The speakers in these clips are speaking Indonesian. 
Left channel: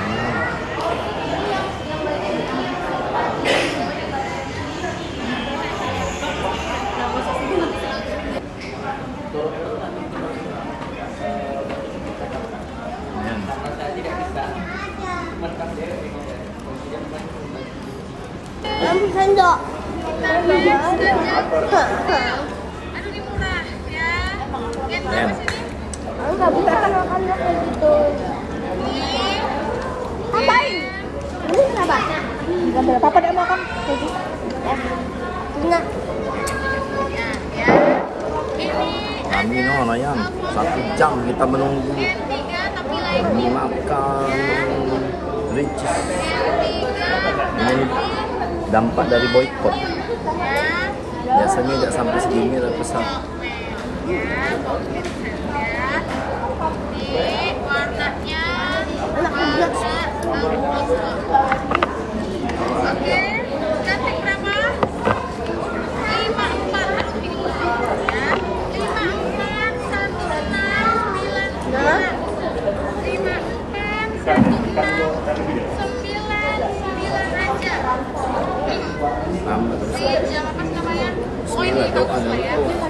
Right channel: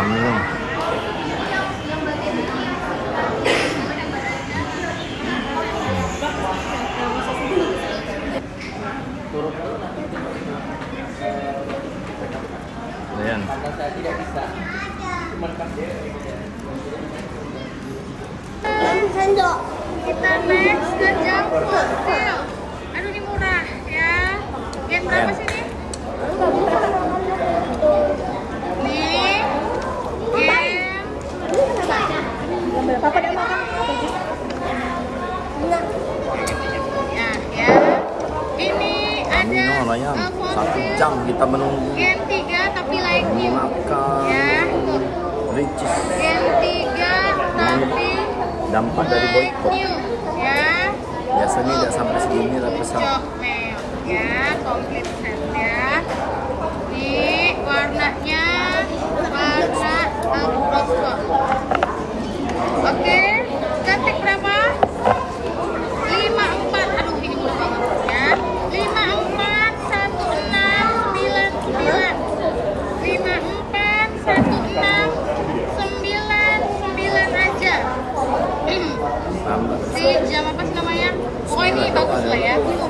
Ramen. Ayan. Saya tidak bisa. Sendok. Ayan. Gambar apa dia makan? Tadi. Enggak. Kami no Ryan, 1 jam kita menunggu ini makan ricis. Ini dampak dari boykot. Biasanya tidak sampai segini lah pesan. Tambah Bismillah, jauh ada lupa.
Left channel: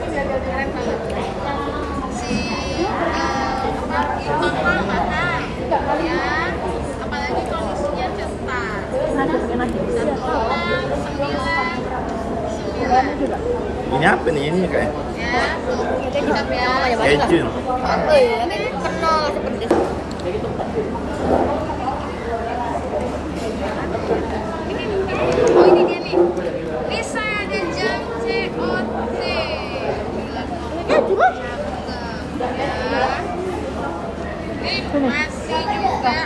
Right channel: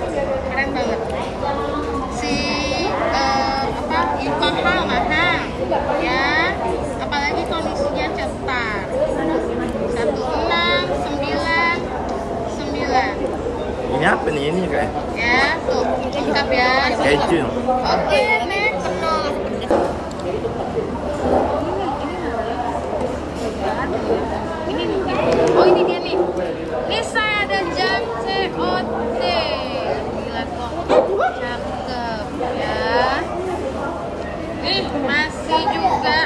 Apalagi kondisinya cetar. 169. Ini apa nih ini kayak? Ya, tuh, lengkap ya. Keju. Oke, next. Oh, ini dia nih. Nisa dan jam COD. Gila banget. Ya. Nih, masih juga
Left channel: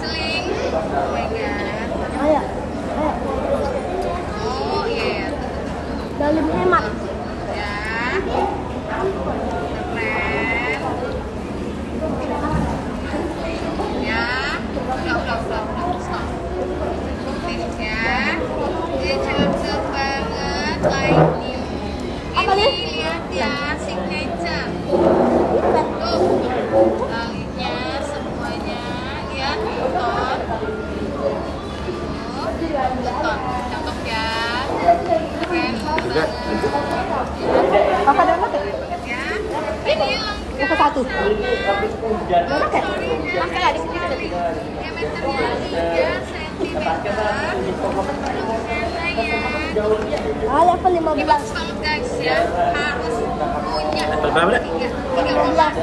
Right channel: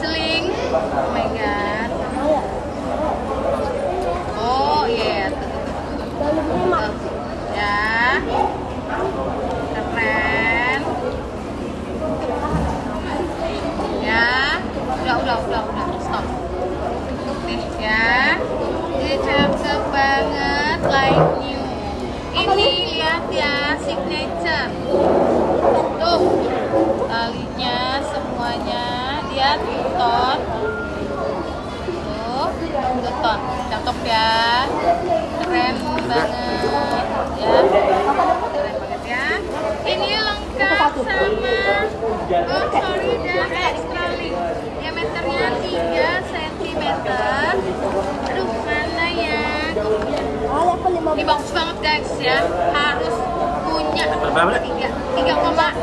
seling. Oh my god. Oh iya. Ya. Keren. Ya. Udah. Stop. Nih ya. Ini cakep banget, like new. Ini lihat ya, signature. Tuh, talinya semuanya, lihat buton. Tuh, buton, cakep ya. Keren banget. Ya, ini lengkap satu. sama story-nya sekali. Diameternya 3 cm. Ini bagus banget guys ya, harus punya. Berapa deh?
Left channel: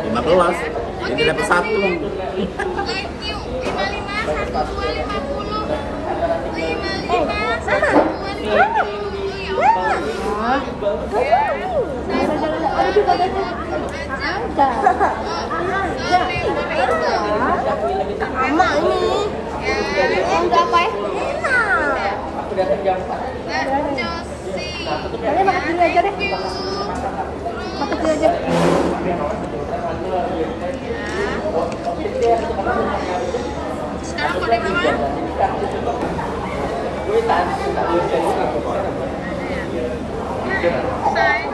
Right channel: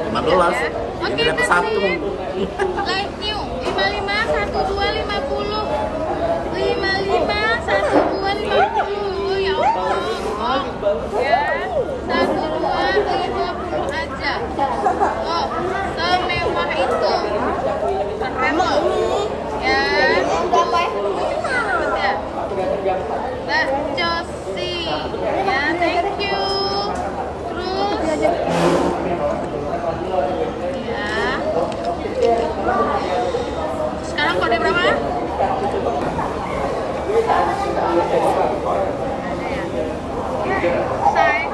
15. Ini dapat 1. Like new 55 12 50 55 12 50 ya Allah. Ya, 12 aja. Semewah itu. Emak ini. Ya. Berapa ya? Thank you. Makan dulu aja. Sekarang kode berapa? Saya